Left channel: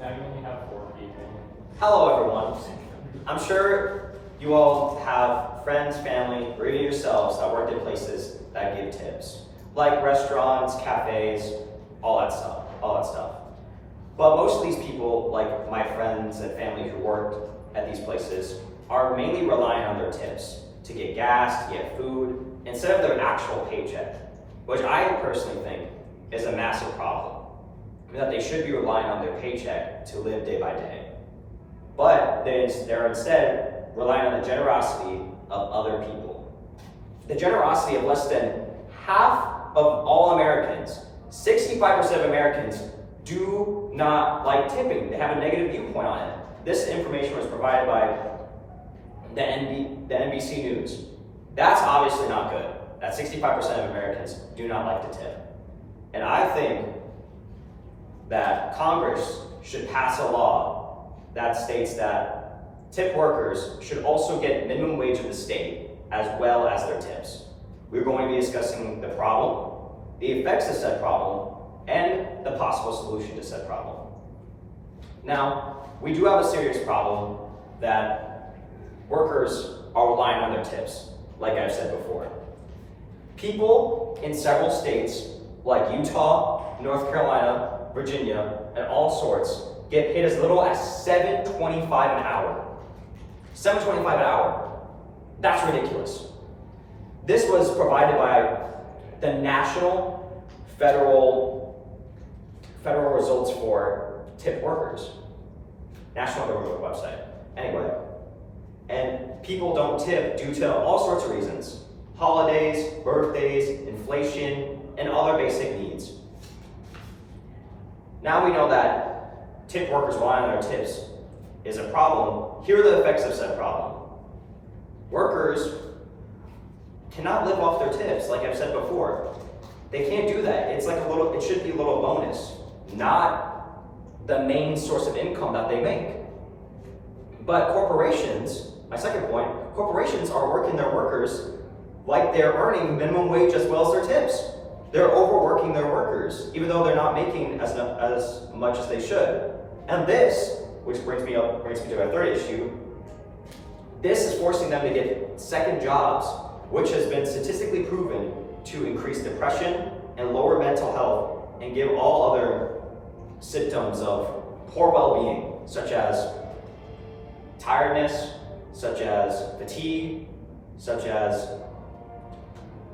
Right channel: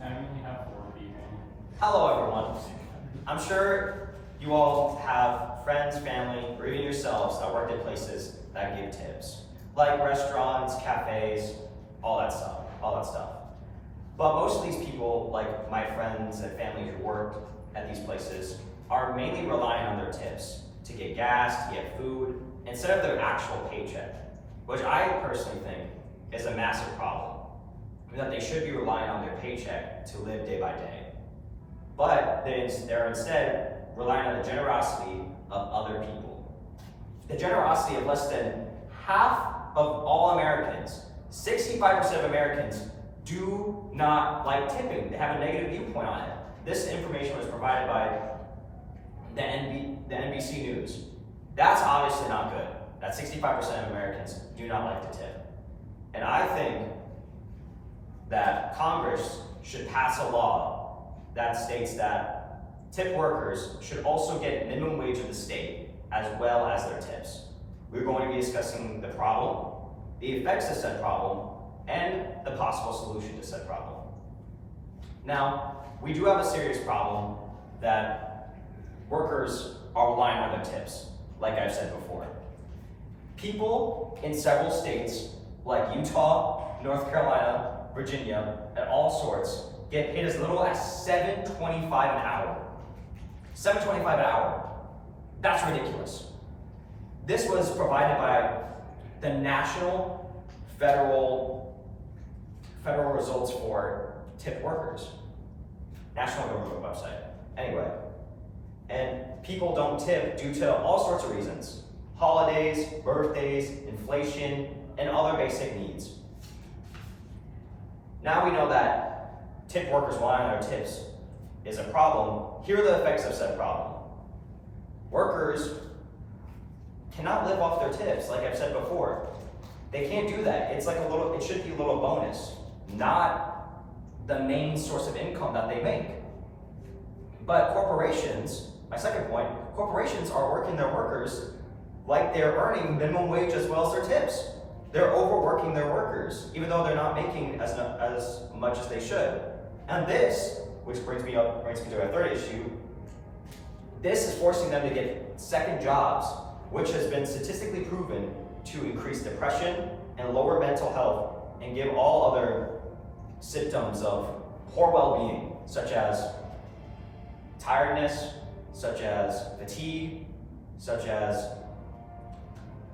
Now you only have 4 people. Hello everyone. I'm sure you all have friends, family, or even yourselves that work at places that give tips. Like restaurants, cafes, all that stuff. But most of these people, like my friends and family who work at these places, are mainly relying on their tips to get gas, to get food, instead of their actual paycheck, which I personally think is a massive problem. I mean, that they should be relying on their paycheck to live day by day. But they're instead relying on the generosity of other people. The generosity of less than half of all Americans. 65% of Americans do not like tipping. They have a negative viewpoint on it. This information was provided by the NBC News. That's obviously not good. That 65% of Americans do not like to tip. And I think that Congress should pass a law that states that tip workers should also get minimum wage of the state as well as their tips. We're going to be discussing the problem, the effects of said problem, and the possible solution to said problem. Now, we do have a serious problem that workers are relying on their tips, like I've said before. People in several states, like Utah, North Carolina, Virginia, and all sorts, get paid as little as $7.25 an hour. $7.25 an hour. That's ridiculous. This was provided by the National Federal Results for Tip Workers. National government website. Anyway, and people don't tip due to all sorts of reasons. Holidays, birthdays, inflation, and other basic needs. Now we know that tip workers relying on their tips is a problem. Here are the effects of said problem. Workers cannot live off their tips, like I've said before. They can't do that. It should be a little bonus, not the main source of income that they make. But corporations, my second point, corporations are working their workers like they're earning minimum wage as well as their tips. They're overworking their workers, even though they're not making as much as they should. And this, which brings me to our third issue, this is forcing them to get second jobs, which has been statistically proven to increase depression and lower mental health and give all other symptoms of poor well-being, such as tiredness, such as fatigue, such as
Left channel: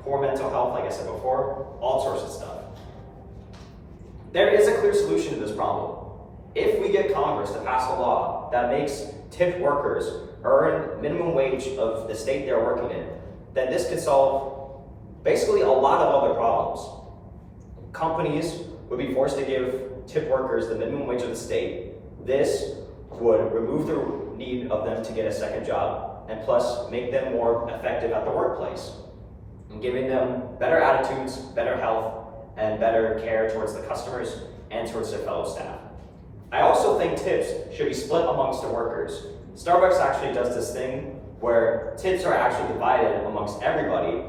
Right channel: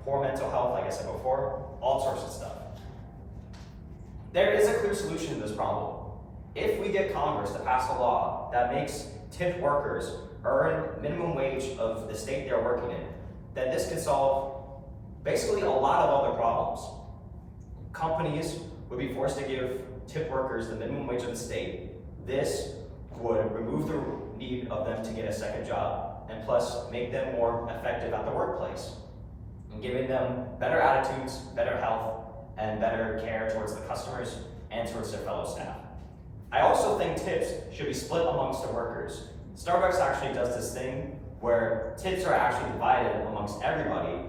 poor mental health, like I said before, all sorts of stuff. There is a clear solution to this problem. If we get Congress to pass a law that makes tip workers earn minimum wage of the state they're working in, then this could solve basically a lot of other problems. Companies would be forced to give tip workers the minimum wage of the state. This would remove the need of them to get a second job, and plus make them more effective at the workplace, and giving them better attitudes, better health, and better care towards the customers and towards their fellow staff. I also think tips should be split amongst the workers. Starbucks actually does this thing where tips are actually divided amongst everybody,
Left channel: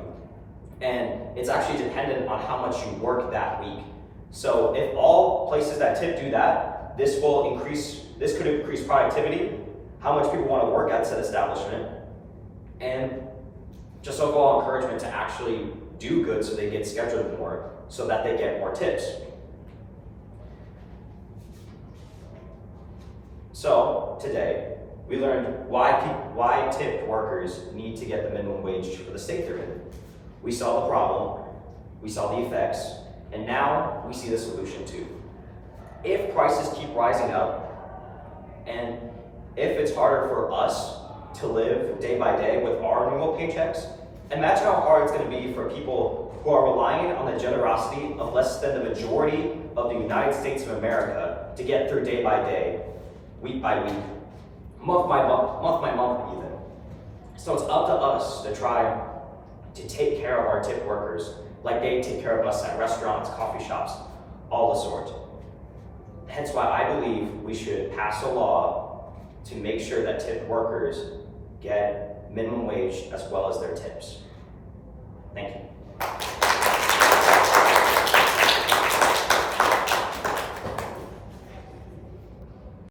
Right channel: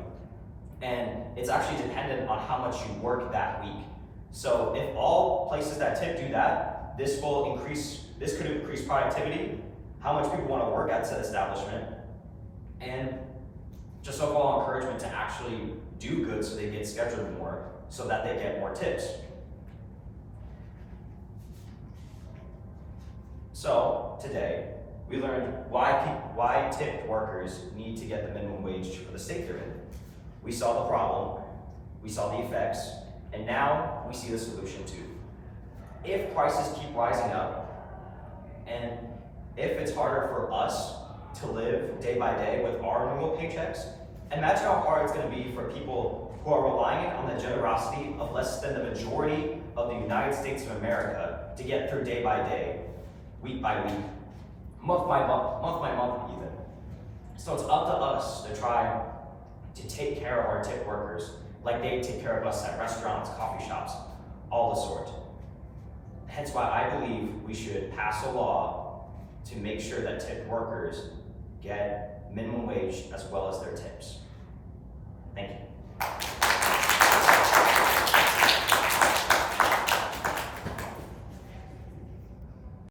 and it's actually dependent on how much you work that week. So if all places that tip do that, this could increase productivity, how much people want to work at said establishment, and just overall encouragement to actually do good so they get scheduled more, so that they get more tips. So today, we learned why tipped workers need to get the minimum wage for the state they're in. We saw the problem, we saw the effects, and now we see the solution too. If prices keep rising up, and if it's harder for us to live day by day with our normal paychecks, imagine how hard it's going to be for people who are relying on the generosity of less than the majority of the United States of America to get through day by day, week by week, month by month even. So it's up to us to try to take care of our tip workers like they take care of us at restaurants, coffee shops, all the sort. Hence why I believe we should pass a law to make sure that tip workers get minimum wage as well as their tips. Thank you.